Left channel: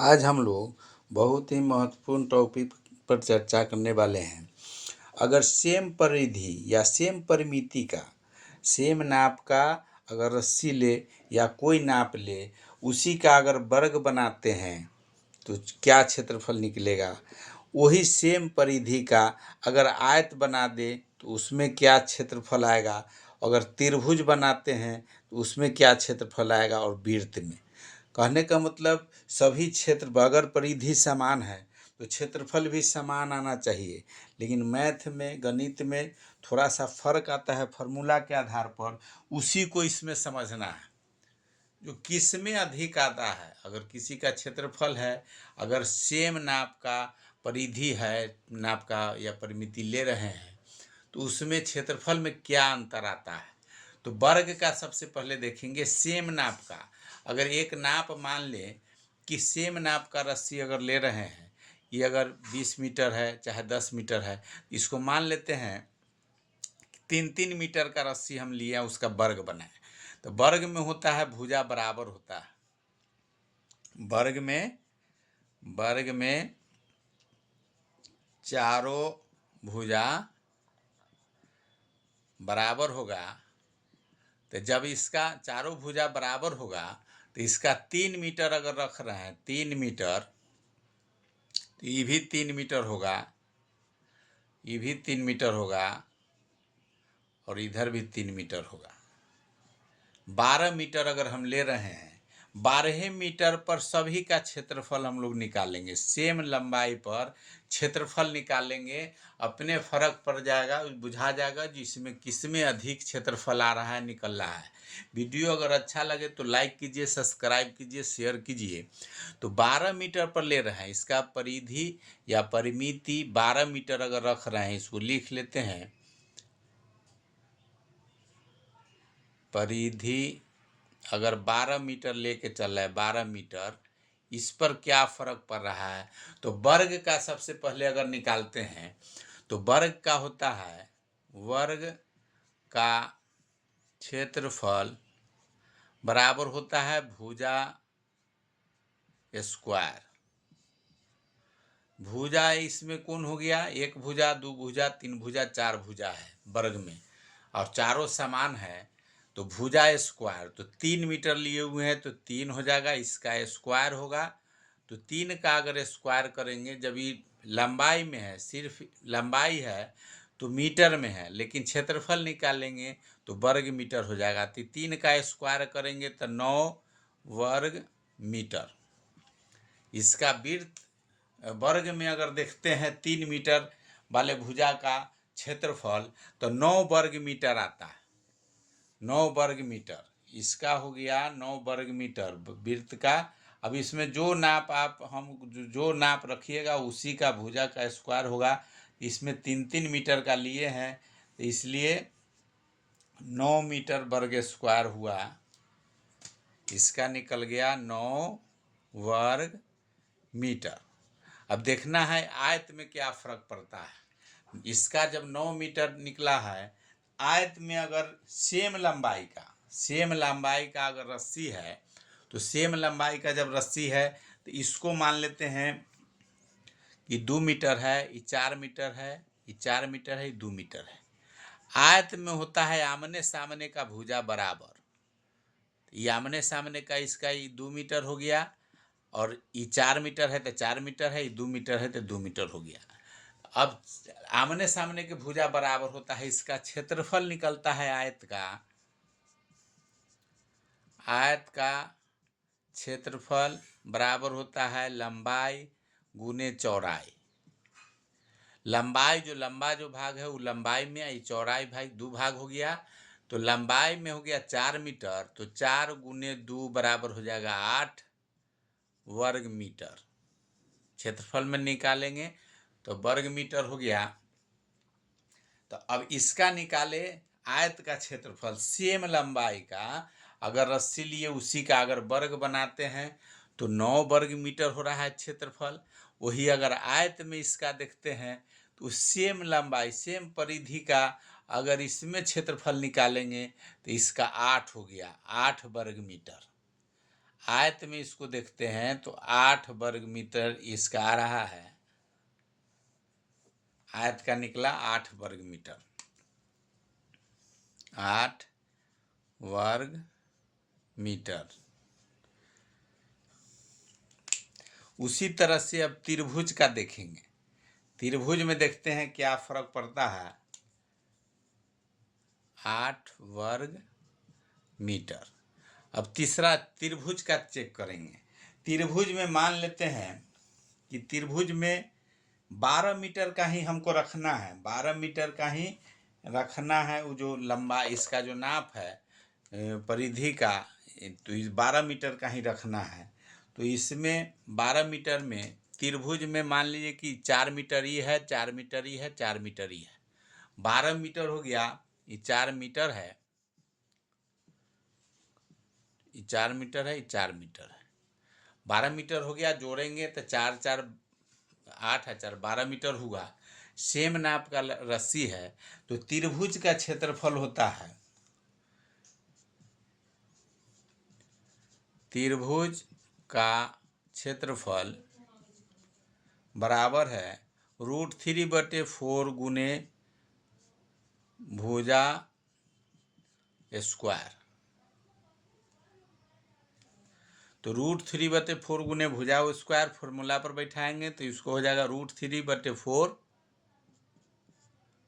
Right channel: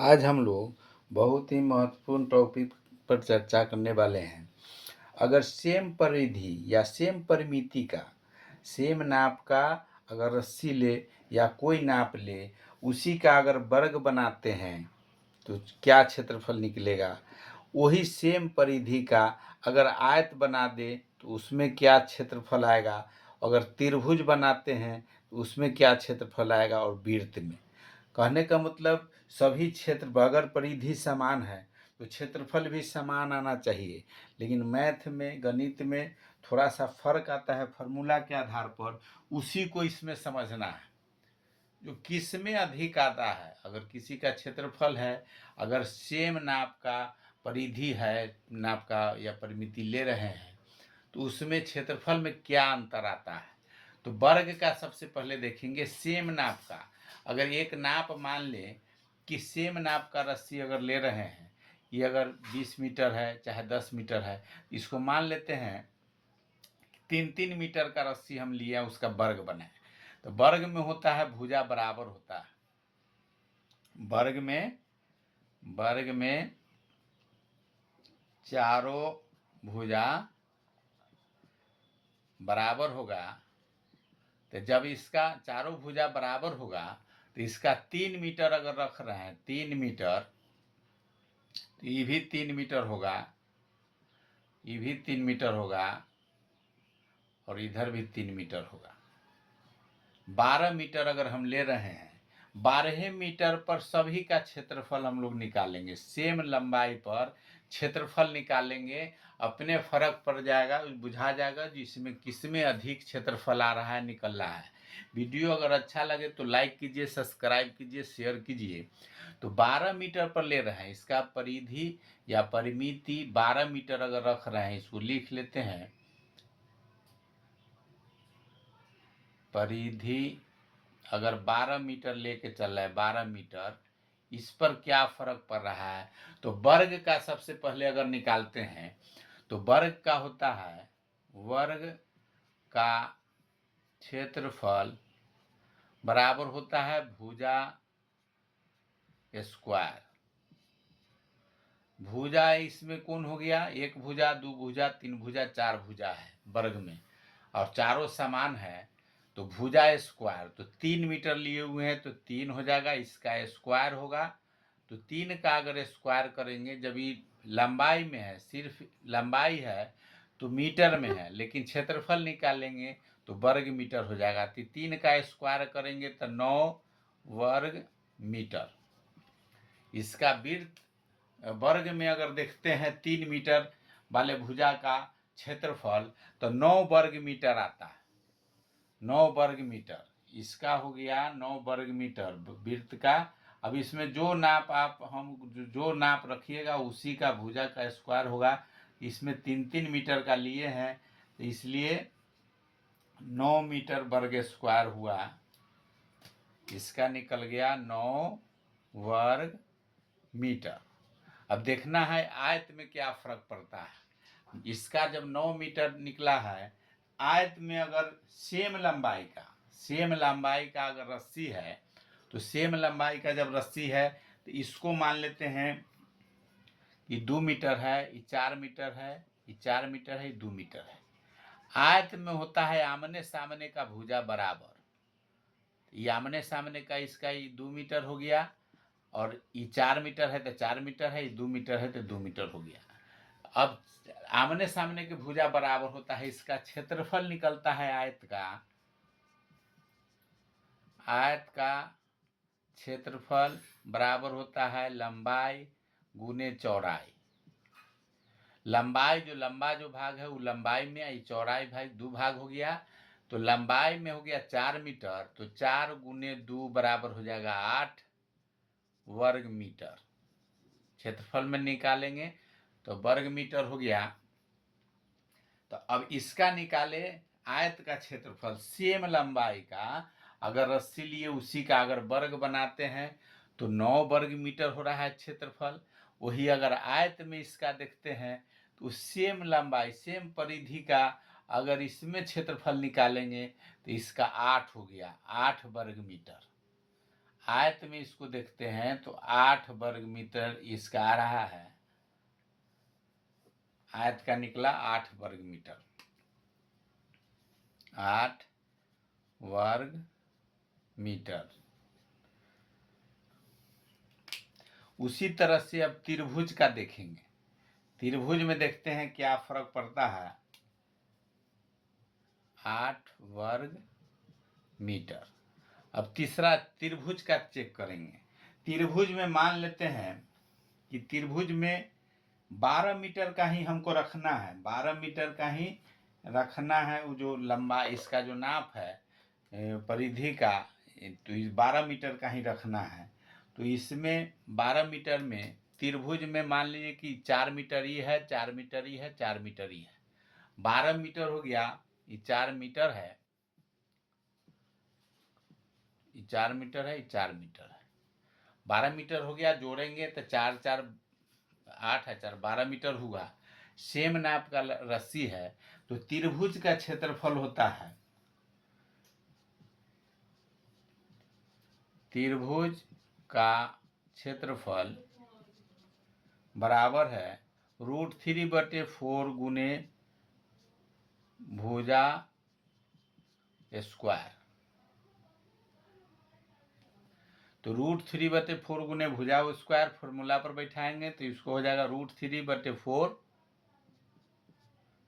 आज हम लोग बहुत ही महत्वपूर्ण टॉपिक पर चर्चा करने वाले हैं। अगर सेम परिधि या सेम परिमिति का सेम नाप का अगर रस्सी ले या कोई नाप ले, उसी का अगर वर्ग बनाते हैं तो क्या क्षेत्रफल निकलेगा। वही सेम परिधि का अगर आयत बना दे तो उसमें क्या क्षेत्रफल आएगा। अगर त्रिभुज बनाते हैं तो उसमें क्या क्षेत्रफल आएगा। और वृत्त में कहने का मतलब सभी क्षेत्र अगर परिधि समान है तो क्षेत्रफल भी समान आना चाहिए। लेकिन मैथ में गणित में थोड़ा सा फर्क आता है फॉर्मूला के आधार पर, उसी को इसमें समझना है जो किस में अधिक आता है। अगर किसी का क्षेत्रफल है, अगर सेम नाप का परिधि है, नाप का या परिमिति ले रहे हैं, तो उसमें क्षेत्रफल में क्या अंतर आता है। तो वर्ग का सबसे पहले देखेंगे सेम नाप का। अगर एक नाप मान लें कि सेम नाप का रस्सी अगर ले रहे हैं, ये अगर 20 मीटर है चाहे 10 मीटर है, इसको मान लेते हैं 3-3 मीटर का रस्सी हम लिए, उसका वर्ग बनाए। तो वर्ग में होता है भुजा बराबर होता है। वर्ग में चारों भुजा बराबर होगा। तो जब इसका चारों भुजा बराबर होगा तो इसका 3 मीटर अगर रख रहे हैं, 3 मीटर, तो ये भी 3 मीटर होगा, ये भी 3 मीटर होगा और इधर भी 3 मीटर होगा। 12 मीटर अगर हम ले रहे हैं, 12 मीटर पर सभी का क्षेत्रफल हम लोग निकालेंगे। सेम लंबाई पर क्षेत्रफल निकालेंगे, अपने फर्क पड़ जाएगा, बुझा जाएगा जिसमें किसमें अधिक क्षेत्रफल आ रहा है, निकल रहा है। वीडियो अगर अच्छा लगे तो लाइक कीजिए, सब्सक्राइब कीजिए, शेयर कीजिए। तो 12 मीटर पर ले रहे हैं, इसका परिधि या परिमिति 12 मीटर अगर रख रहे हैं, इसको लिख लेते हैं। परिधि अगर 12 मीटर लेके चल रहा है, 12 मीटर, इस पर क्या फर्क पड़ रहा है। तो वर्ग का सबसे पहले अगर निकालते हैं तो वर्ग का होता है, वर्ग का क्षेत्रफल बराबर होता है भुजा स्क्वायर। भुजा इसमें कौन हो गया, एक भुजा, दो भुजा, तीन भुजा, चार भुजा है वर्ग में, और चारों समान है तो भुजा स्क्वायर। तो 3 मीटर लिए हुए हैं तो 3 हो जाएगा, इसका स्क्वायर होगा। तो 3 का अगर स्क्वायर करेंगे, जब ये लंबाई में है, सिर्फ लंबाई है तो मीटर में है, लेकिन क्षेत्रफल निकालेंगे तो वर्ग मीटर हो जाएगा। तो 3 का स्क्वायर करेंगे तो 9 वर्ग मीटर। इसका वृत्त वर्ग में अगर देखते हैं 3 मीटर वाले भुजा का क्षेत्रफल तो 9 वर्ग मीटर आता है। 9 वर्ग मीटर इसका हो गया, 9 वर्ग मीटर वृत्त का। अब इसमें जो नाप आप जो नाप रखिएगा उसी का भुजा का स्क्वायर होगा। इसमें 3-3 मीटर का लिए हैं तो इसलिए 9 मीटर वर्ग स्क्वायर हुआ। इसका निकल गया 9 वर्ग मीटर। अब देखना है आयत में क्या फर्क पड़ता है। इसका जब 9 मीटर निकला है, आयत में अगर सेम लंबाई का अगर रस्सी है, तो सेम लंबाई का जब रस्सी है तो इसको मान लेते हैं कि 2 मीटर है, ये 4 मीटर है, ये 4 मीटर है, ये 2 मीटर है। आयत में होता है आमने सामने का भुजा बराबर। ये आमने सामने का इसका ये 2 मीटर हो गया, और ये 4 मीटर है तो 4 मीटर है, ये 2 मीटर है तो 2 मीटर हो गया। अब आमने सामने के भुजा बराबर होता है, इसका क्षेत्रफल निकलता है आयत का क्षेत्रफल बराबर होता है लंबाई गुने चौड़ाई। लंबाई जो लंबा जो भाग है वो लंबाई में, ये चौड़ाई भाग 2 भाग हो गया। तो लंबाई में हो गया 4 मीटर, तो 4 गुने 2 बराबर हो जाएगा 8 वर्ग मीटर। क्षेत्रफल में निकालेंगे तो वर्ग मीटर हो गया। तो अब इसका निकाले आयत का क्षेत्रफल, सेम लंबाई का अगर रस्सी लिए उसी का अगर वर्ग बनाते हैं तो 9 वर्ग मीटर हो रहा है क्षेत्रफल। वही अगर आयत में इसका देखते हैं तो सेम लंबाई सेम परिधि का अगर इसमें क्षेत्रफल निकालेंगे तो इसका 8 हो गया, 8 वर्ग मीटर। आयत में इसको देखते हैं तो 8 वर्ग मीटर इसका आ रहा है, आयत का निकला 8 वर्ग मीटर, 8 वर्ग मीटर। उसी तरह से अब त्रिभुज का देखेंगे, त्रिभुज में देखते हैं क्या फर्क पड़ता है, 8 वर्ग मीटर। अब तीसरा त्रिभुज का चेक करेंगे। त्रिभुज में मान लेते हैं कि त्रिभुज में 12 मीटर का ही हमको रखना है, 12 मीटर का ही रखना है। वो जो लंबा इसका जो नाप है परिधि का, तो इस 12 मीटर का ही रखना है। तो इसमें 12 मीटर में त्रिभुज में मान लीजिए कि 4 मीटर ही है, 4 मीटर ही है, 4 मीटर ही है, 12 मीटर हो गया, ये 4 मीटर है, ये 4 मीटर है, ये 4 मीटर है, 12 मीटर हो गया, जोड़ेंगे तो 4 4 8 है, 4 12 मीटर हुआ। सेम नाप का रस्सी है, तो त्रिभुज का क्षेत्रफल होता है, त्रिभुज का क्षेत्रफल बराबर है √3/4 गुने भुजा स्क्वायर। तो √3/4 गुने भुजा स्क्वायर फॉर्मूला पर बैठाएंगे तो इसको हो जाएगा √3/4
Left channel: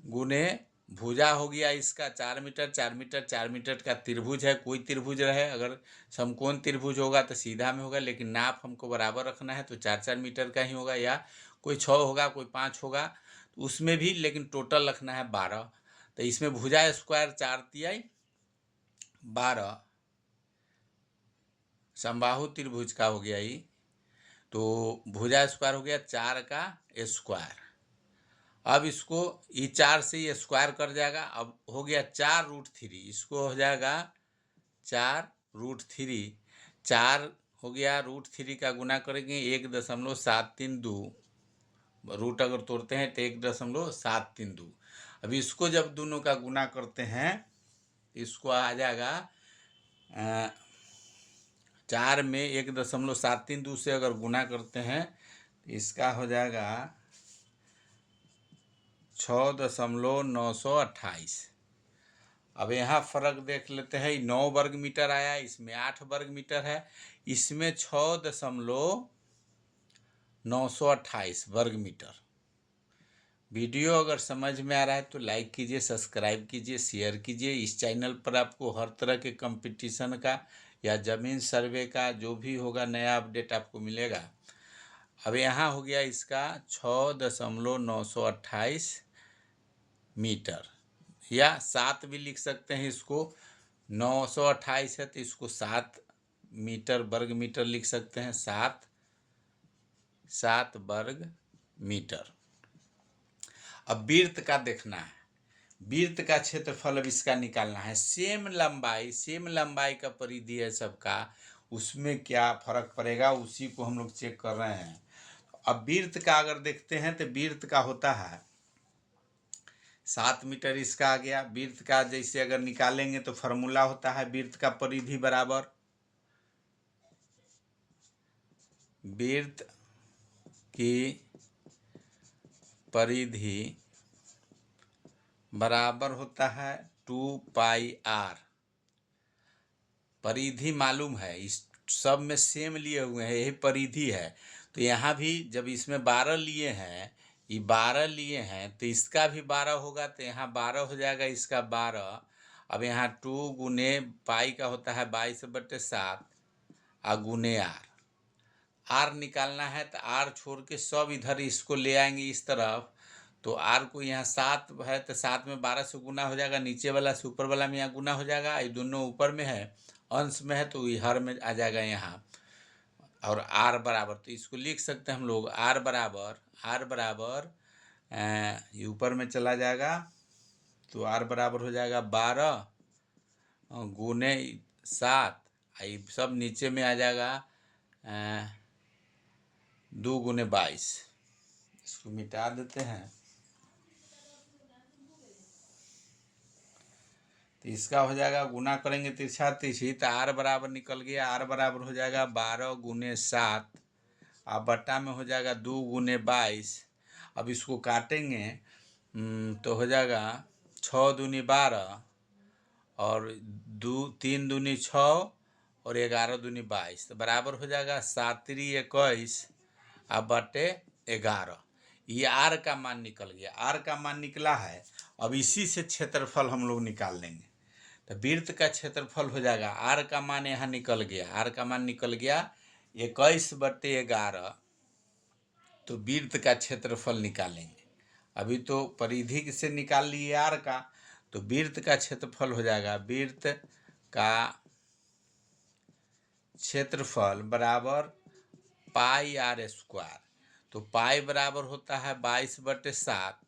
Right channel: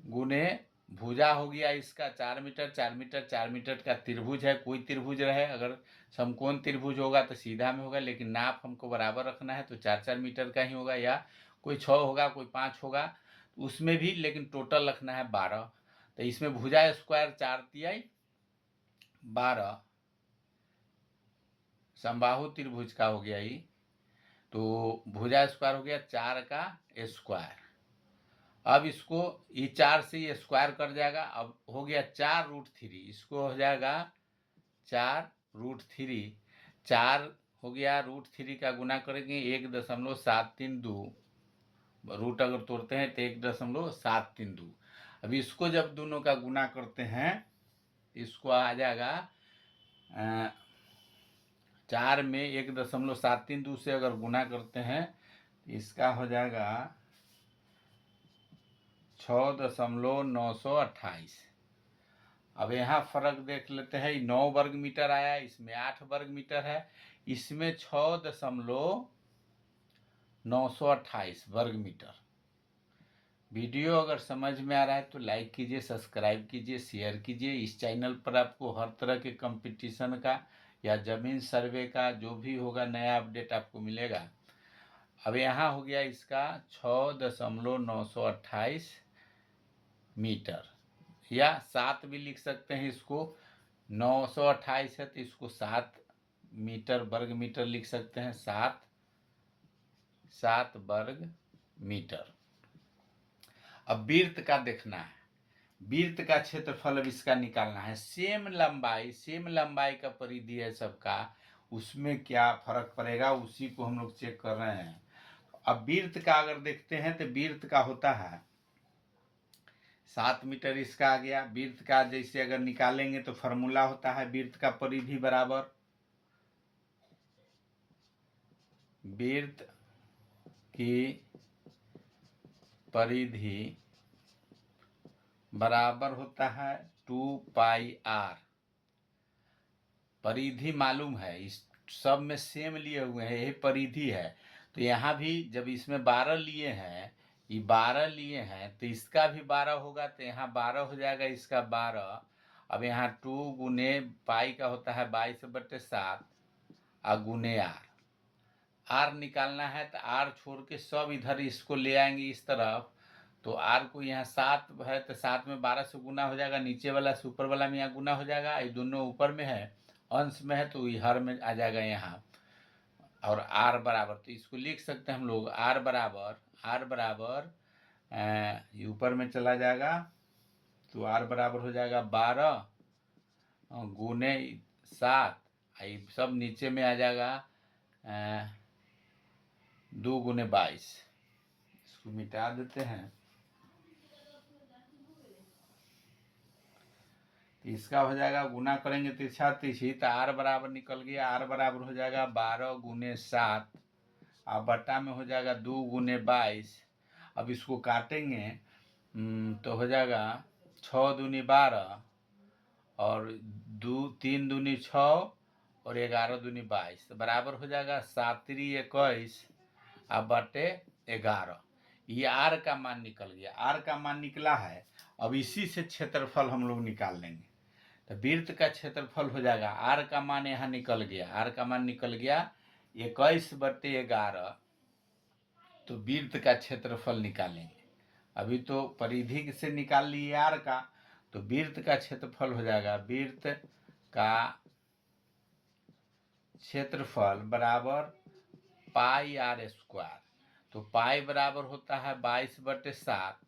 गुने भुजा हो गया इसका 4 मीटर, 4 मीटर, 4 मीटर का त्रिभुज है, कोई त्रिभुज रहे, अगर समकोण त्रिभुज होगा तो सीधा में होगा, लेकिन नाप हमको बराबर रखना है तो 4 मीटर का ही होगा, या कोई 6 होगा, कोई 5 होगा, तो उसमें भी लेकिन टोटल रखना है 12। तो इसमें भुजा स्क्वायर 4 तिहाई 12 समबाहु त्रिभुज का हो गया ही, तो भुजा स्क्वायर हो गया 4 का स्क्वायर। अब इसको ये 4 से ये स्क्वायर कर जाएगा, अब हो गया 4√3, इसको हो जाएगा 4√3, 4 हो गया, √3 का गुना करेंगे 1.732, रूट अगर तोड़ते हैं तो 1.732। अब इसको जब दोनों का गुना करते हैं इसको आ जाएगा 4 में 1.732 से अगर गुना करते हैं तो इसका हो जाएगा 6.928। अब यहाँ फर्क देख लेते हैं, 9 वर्ग मीटर आया, इसमें 8 वर्ग मीटर है, इसमें 6.928 वर्ग मीटर। वीडियो अगर समझ में आ रहा है तो लाइक कीजिए, सब्सक्राइब कीजिए, शेयर कीजिए। इस चैनल पर आपको हर तरह के कंपटीशन का या ज़मीन सर्वे का जो भी होगा नया अपडेट आपको मिलेगा। अब यहाँ हो गया इसका 6.928 मीटर, या 7 भी लिख सकते हैं इसको, 928 है तो इसको 7 मीटर वर्ग मीटर लिख सकते हैं, 7 वर्ग मीटर। अब वृत्त का देखना है, वृत्त का क्षेत्रफल अब इसका निकालना है। सेम लंबाई का परिधि है सबका, उसमें क्या फर्क पड़ेगा उसी को हम लोग चेक कर रहे हैं। अब वृत्त का अगर देखते हैं तो वृत्त का होता है 7 मीटर, इसका आ गया। वृत्त का जैसे अगर निकालेंगे तो फॉर्मूला होता है वृत्त का परिधि बराबर, वृत्त की परिधि बराबर होता है 2πr। परिधि मालूम है, इस सब में सेम लिए हुए हैं, यही परिधि है। तो यहाँ भी जब इसमें 12 लिए हैं, ये 12 लिए हैं तो इसका भी 12 होगा, तो यहाँ 12 हो जाएगा, इसका 12। अब यहाँ 2 गुने पाई का होता है 22/7 और गुने आर निकालना है, तो आर छोड़ के सब इधर इसको ले आएंगे इस तरफ, तो आर को यहाँ 7 है तो 7 में 12 से गुना हो जाएगा, नीचे वाला से ऊपर वाला में यहाँ गुना हो जाएगा, ये दोनों ऊपर में है, अंश में है, तो ये हर में आ जाएगा यहाँ। और आर बराबर, तो इसको लिख सकते हैं हम लोग आर बराबर ये ऊपर में चला जाएगा, तो आर बराबर हो जाएगा 12 गुने 7, ये सब नीचे में आ जाएगा 2 गुने 22। इसको मिटा देते हैं, तो इसका हो जाएगा, गुना करेंगे तिरछा तिरछी, तो आर बराबर निकल गया, आर बराबर हो जाएगा 12 गुने 7, अब बट्टा में हो जाएगा 2 गुने 22। अब इसको काटेंगे तो हो जाएगा 6 दूनी 12 और 3 दूनी 6 और 11 दूनी 22, तो बराबर हो जाएगा 7 3 21 अब बटे 11। ये आर का मान निकल गया, आर का मान निकला है। अब इसी से क्षेत्रफल हम लोग निकाल लेंगे। तो वृत्त का क्षेत्रफल हो जाएगा, आर का मान यहाँ निकल गया, आर का मान निकल गया 21 बटे 11। तो वृत्त का क्षेत्रफल निकालेंगे। अभी तो परिधि से निकाल लिए आर का, तो वृत्त का क्षेत्रफल हो जाएगा, वृत्त का क्षेत्रफल बराबर पाई आर स्क्वायर। तो पाई बराबर होता है 22 बटे 7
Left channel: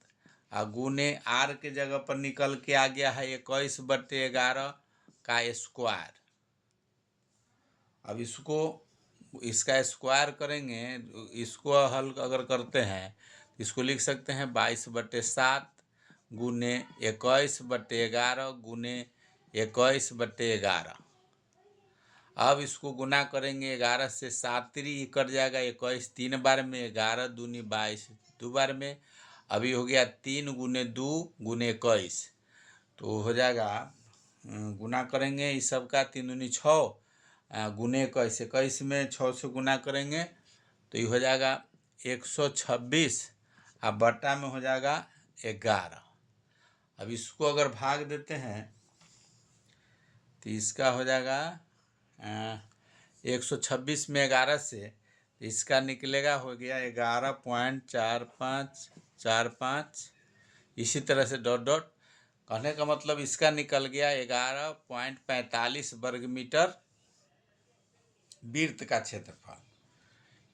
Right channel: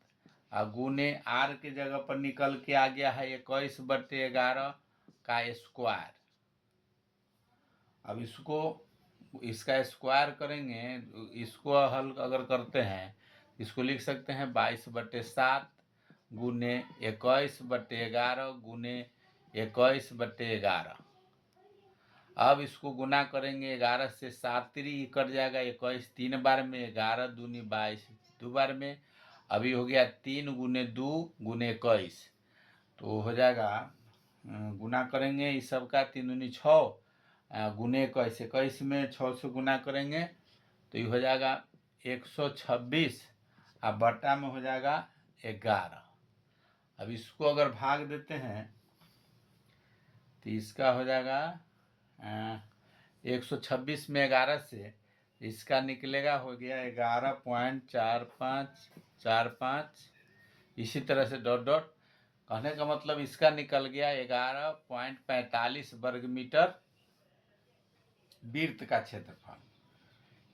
और गुने आर के जगह पर निकल के आ गया है 21 बटे 11 का स्क्वायर। अब इसका स्क्वायर करेंगे, इसको हल अगर करते हैं इसको लिख सकते हैं 22 बटे 7 गुने 21 बटे 11 गुने 21 बटे 11। अब इसको गुना करेंगे 11 से, 7 3 कट जाएगा, 21 3 बार में, 11 दूनी 22 2 बार में। अभी हो गया 3 गुने 2 गुने 21, तो हो जाएगा गुना करेंगे इस सब का, 3 दूनी 6 गुने 21, 21 में 6 से गुना करेंगे तो ये हो जाएगा 126 अब बट्टा में हो जाएगा 11। अब इसको अगर भाग देते हैं तो इसका हो जाएगा 126 में 11 से इसका निकलेगा, हो गया 11.4545। इसी तरह से डॉट डॉट, कहने का मतलब इसका निकल गया 11.45 वर्ग मीटर वृत्त का क्षेत्रफल।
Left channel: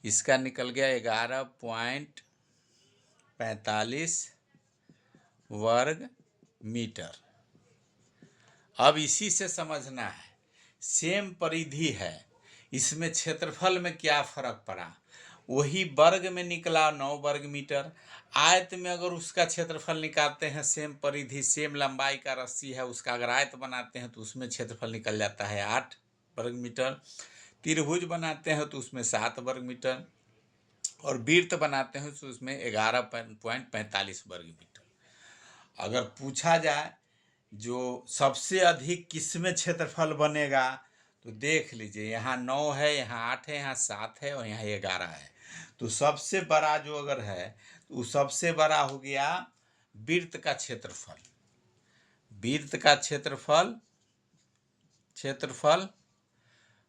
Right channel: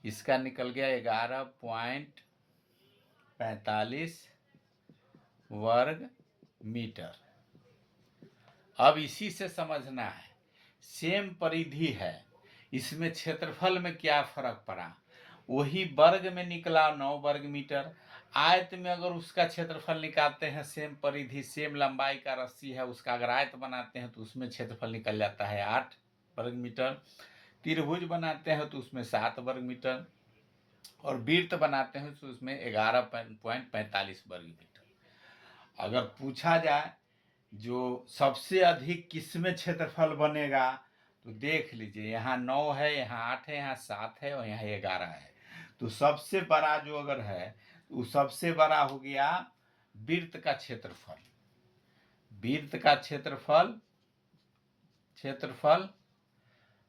इसका निकल गया 11.45 वर्ग मीटर। अब इसी से समझना है, सेम परिधि है, इसमें क्षेत्रफल में क्या फर्क पड़ा, वही वर्ग में निकला 9 वर्ग मीटर। आयत में अगर उसका क्षेत्रफल निकालते हैं, सेम परिधि सेम लंबाई का रस्सी है, उसका अगर आयत बनाते हैं तो उसमें क्षेत्रफल निकल जाता है 8 वर्ग मीटर। त्रिभुज बनाते हैं तो उसमें 7 वर्ग मीटर, और वृत्त बनाते हैं तो उसमें 11.45 वर्ग मीटर। अगर पूछा जाए जो सबसे अधिक किसमें क्षेत्रफल बनेगा, तो देख लीजिए, यहाँ 9 है, यहाँ 8 है, यहाँ 7 है और यहाँ 11 है। तो सबसे बड़ा जो अगर है तो सबसे बड़ा हो गया वृत्त का क्षेत्रफल। वृत्त का क्षेत्रफल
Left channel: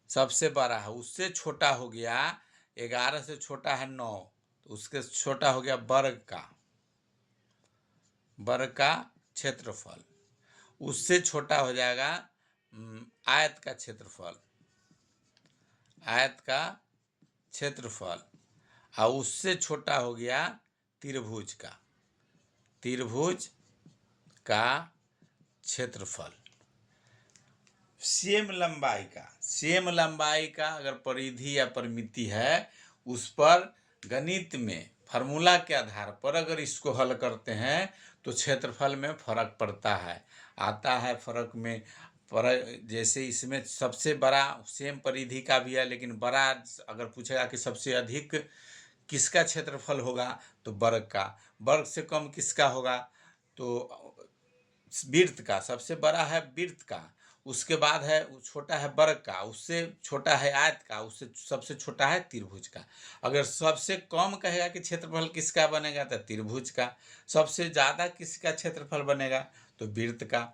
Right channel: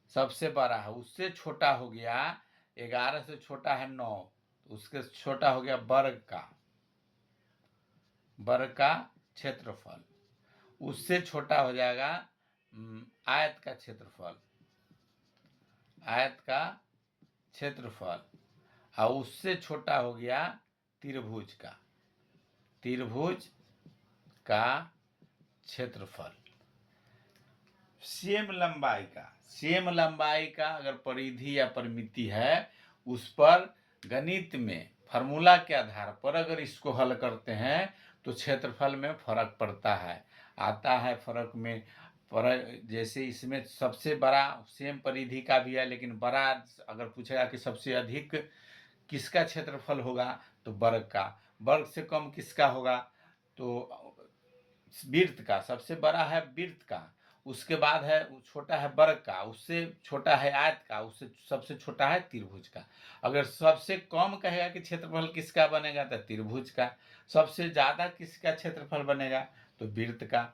सबसे बड़ा है, उससे छोटा हो गया 11 से छोटा है 9, तो उसके छोटा हो गया वर्ग का क्षेत्रफल। उससे छोटा हो जाएगा आयत का क्षेत्रफल, और उससे छोटा हो गया त्रिभुज का क्षेत्रफल। सेम लंबाई का अगर परिधि या परिमिति है, उस पर गणित में फार्मूला के आधार पर अगर इसको हल करते हैं तो क्षेत्रफल में फर्क पड़ता है, आता है फर्क में। जैसे इसमें सबसे बड़ा सेम परिधि का भी है, लेकिन बड़ा अगर पूछेगा कि सबसे अधिक किसका क्षेत्रफल होगा, तो वर्ग से कम किसका होगा, तो वृत्त का। सबसे बड़ा है वृत्त का, उसके बाद है छोटा है वर्ग का, उससे छोटा है आयत का, उससे सबसे छोटा है त्रिभुज का। अगर सबसे कम कहेगा कि क्षेत्रफल किसका बनेगा, तो त्रिभुज का। सबसे ज़्यादा किसका क्षेत्रफल बनेगा, तो वृत्त का।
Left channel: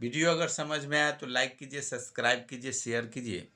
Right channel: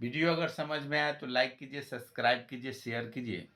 वीडियो अगर समझ में आया तो लाइक कीजिए, सब्सक्राइब कीजिए, शेयर कीजिए।